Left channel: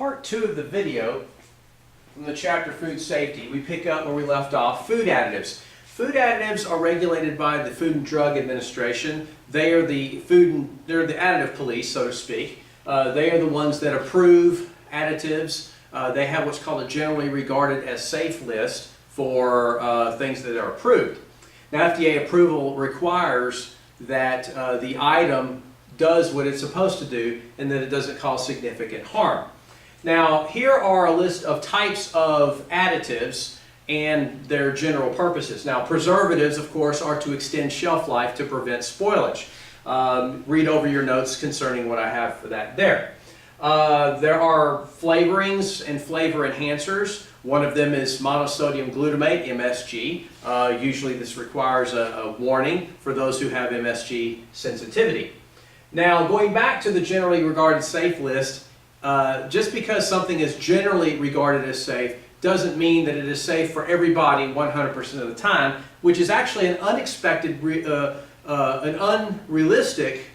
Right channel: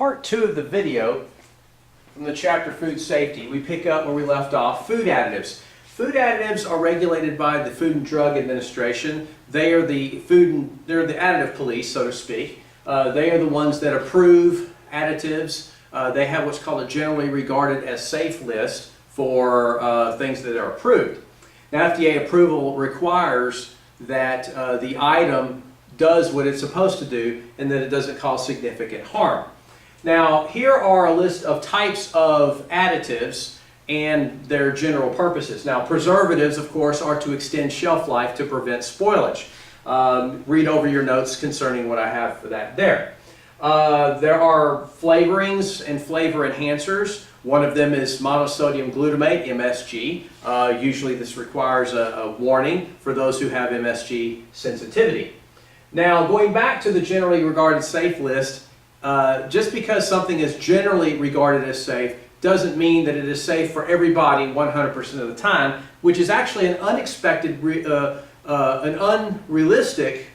part 2 of the video from the chapter Food Safety, we pick up where we left off, food additives. Food additives are regulated by the Food and Drug Administration. They're the additive police, so to speak. They are the ones that approve additives. They have what's called a generally regarded as safe list for things that are approved. Now, FDA approval requires that the item does what it's supposed to do and that it doesn't cause significant harm. Now, here are a list of types of additives and their general purposes. Now, preservatives, of course, are to extend shelf life to prevent spoilage. Read over your notes concerning what I have for that there. There are flavorings and flavor enhancers. One of them is monosodium glutamate, MSG. Usually this requires a warning for those who have MSG sensitivity. Now, going back to the generally regarded safe list, just because something is generally regarded as safe doesn't mean that it is safe for everybody 100% of the time, which is actually an an unrealistic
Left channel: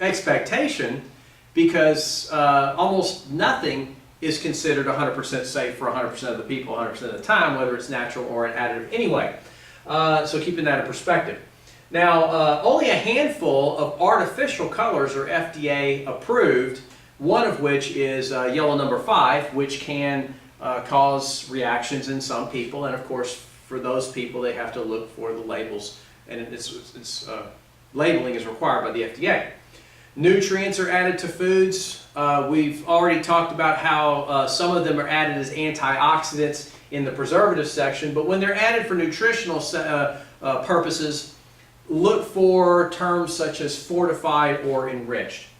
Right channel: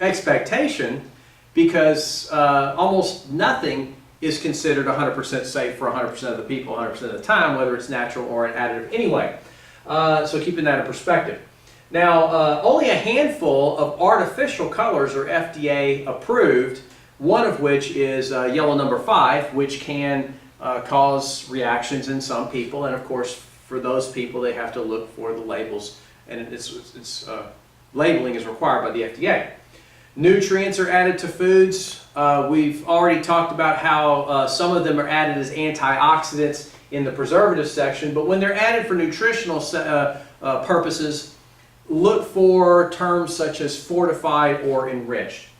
expectation, because almost nothing is considered 100% safe for 100% of the people 100% of the time, whether it's natural or an additive anyway. So keeping that in perspective. Now, only a handful of artificial colors are FDA approved, one of which is yellow number 5, which can cause reactions in some people, and of course for those people they have to look for the labels, and labeling is required by the FDA. Nutrients are added to foods. We've already talked about how some of them are added as antioxidants in the preservative section, but when they're added for nutritional purposes, look for terms such as fortified or enriched.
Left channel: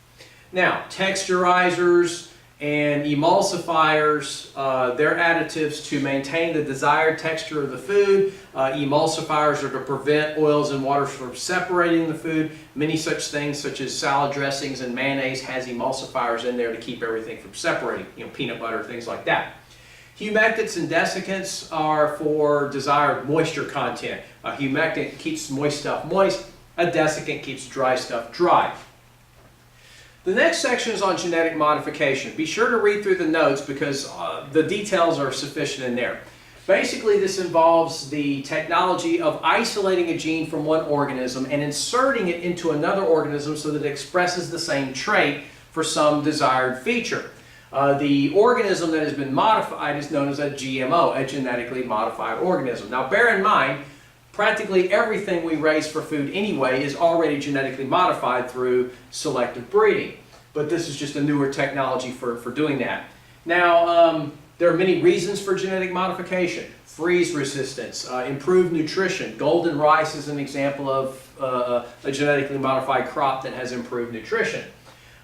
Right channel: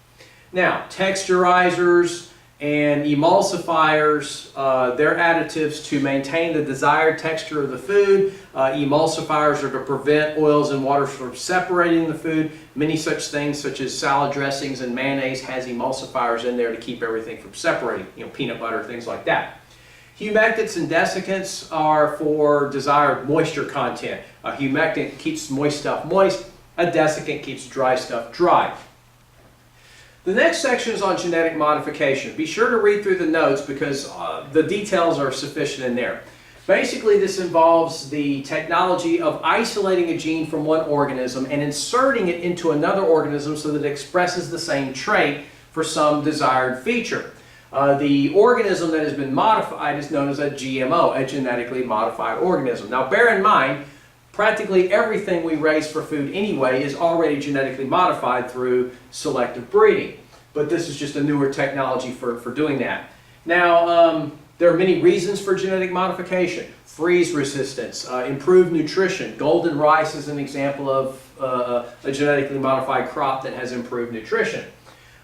Now, texturizers and emulsifiers, they're additives to maintain the desired texture of the food. Emulsifiers are to prevent oils and waters from separating the food. Many such things, such as salad dressings and mayonnaise, has emulsifiers in there to keep everything from separating, peanut butter, things like that. Humectants and desiccants are for desired moisture content. A humectant keeps moist stuff moist. A desiccant keeps dry stuff dry. The next section is on genetic modification. Be sure to read through the notes because the details are sufficient in there. Basically, this involves the technology of isolating a gene from one organism and inserting it into another organism so that it expresses the same trait for some desired feature. The organism that has been modified is known as a GMO, a genetically modified organism. Now, bear in mind, practically everything we raise for food anyway is already genetically modified through selective breeding. But this is just a newer technology for doing that. Now, there are many reasons for genetic modification. Freeze resistance, improved nutrition. Golden rice is an example of a genetically modified crop that has improved nutrition.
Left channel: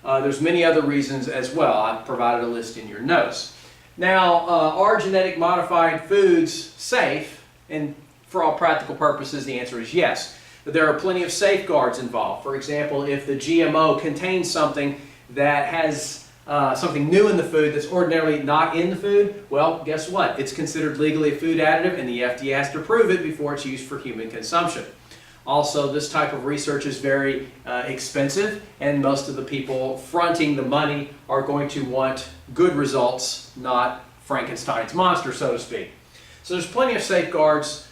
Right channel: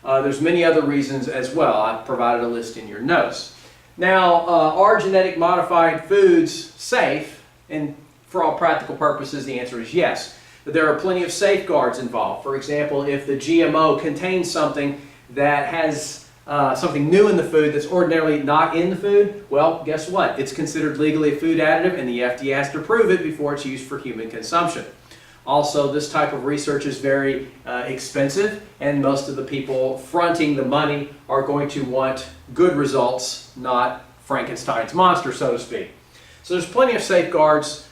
There's many other reasons as well. I've provided a list in your notes. Now, are genetic modified foods safe? And for all practical purposes, the answer is yes. There are plenty of safeguards involved. For example, if the GMO contains something that has something new in the food that's ordinarily not in the food, well, guess what? It's considered legally a food additive, and the FDA has to approve it before it's used for human consumption. Also, this type of research is very expensive, and most of the people fronting the money are going to want good results, not Frankenstein's monster, so to speak. So there's plenty of safeguards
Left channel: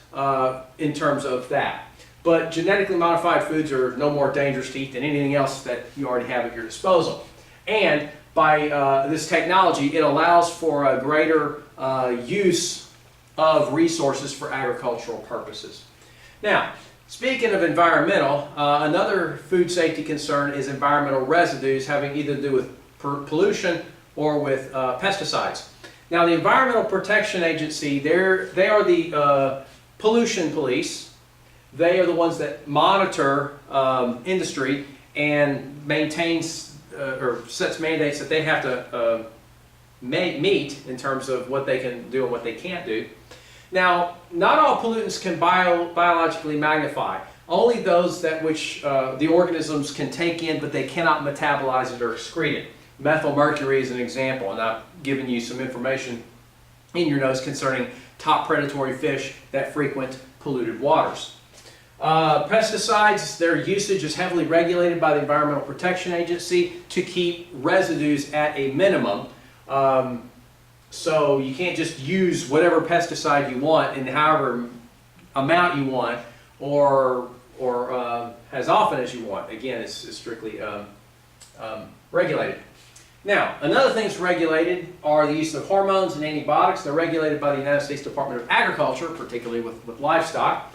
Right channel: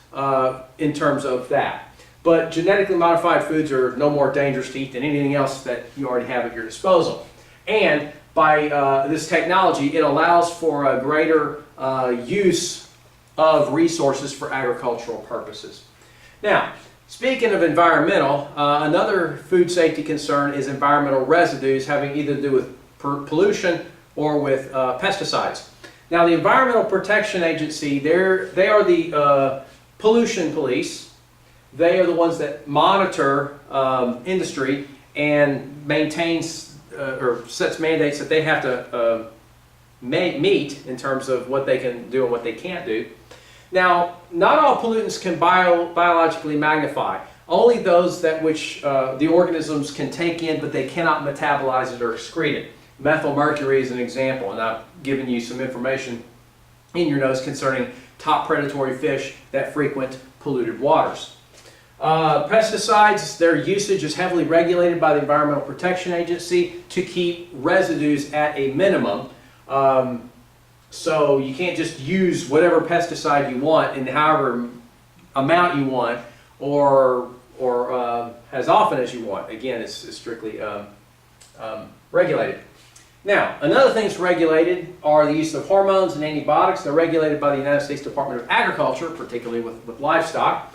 in terms of that. But genetically modified foods are no more dangerous to eat than anything else that you already have at your disposal. And by this technology, it allows for a greater use of resources for agricultural purposes. Now, speaking of environmental, another food safety concern is environmental residues having either to do with pollution or with pesticides. Now, the Environmental Protection Agency, they are the pollution police. They are the ones that monitor industry and maintains or sets mandates that they have to meet in terms of what they can do and what they can't do. Now, not all pollutants can biologically magnify. Only those that which the organisms can take in, but they cannot metabolize it or excrete it. Methylmercury is an example, and I've given you some information in your notes concerning top predatory fish that frequent polluted waters. Pesticides, their usage is heavily regulated by the Environmental Protection Agency to keep residues at a minimum. So you can't just use whatever pesticide you want in however amount you want, or as often as you want. Again, it's strictly regulated. Now, another thing that's regulated are the use of hormones and antibiotics. They're regulated by the United States Department of Agriculture, particularly with livestock.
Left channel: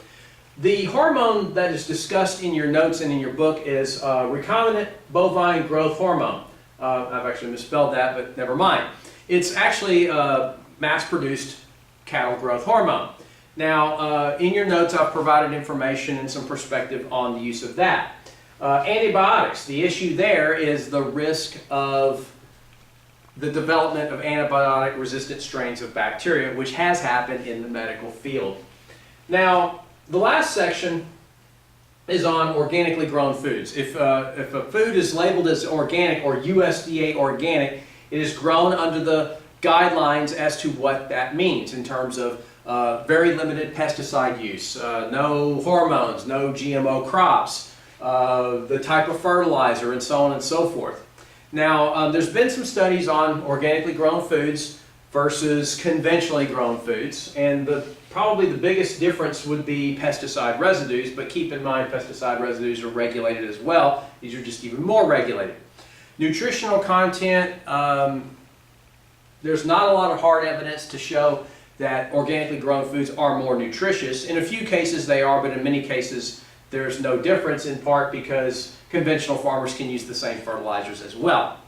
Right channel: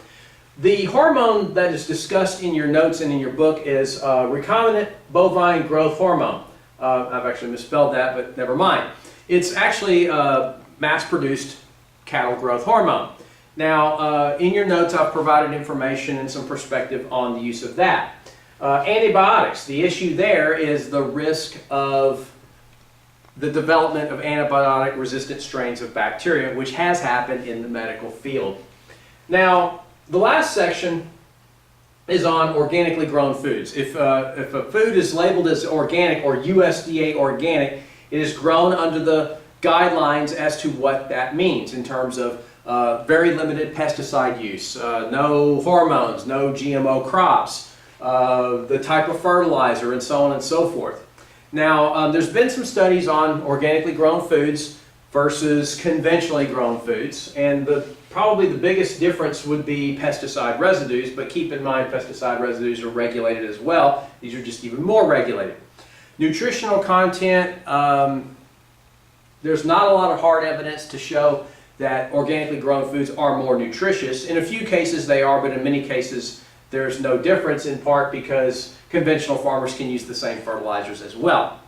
The hormone that is discussed in your notes and in your book is recombinant bovine growth hormone. I've actually misspelled that, but never mind. It's actually mass-produced cattle growth hormone. Now, in your notes, I've provided information and some perspective on the use of that. Antibiotics. The issue there is the risk of the development of antibiotic-resistant strains of bacteria, which has happened in the medical field. Now, the last section is on organically grown foods. If a food is labeled as organic or USDA organic, it is grown under the guidelines as to what that means in terms of very limited pesticide use, no hormones, no GMO crops, the type of fertilizer, and so on and so forth. Now, there's been some studies on organically grown foods versus conventionally grown foods, and probably the biggest difference would be pesticide residues, but keep in mind pesticide residues are regulated as well. These are just even more regulated. Nutritional content, there's not a lot of hard evidence to show that organically grown foods are more nutritious. In a few cases they are, but in many cases there's no difference, in part because conventional farmers can use the same fertilizers as well.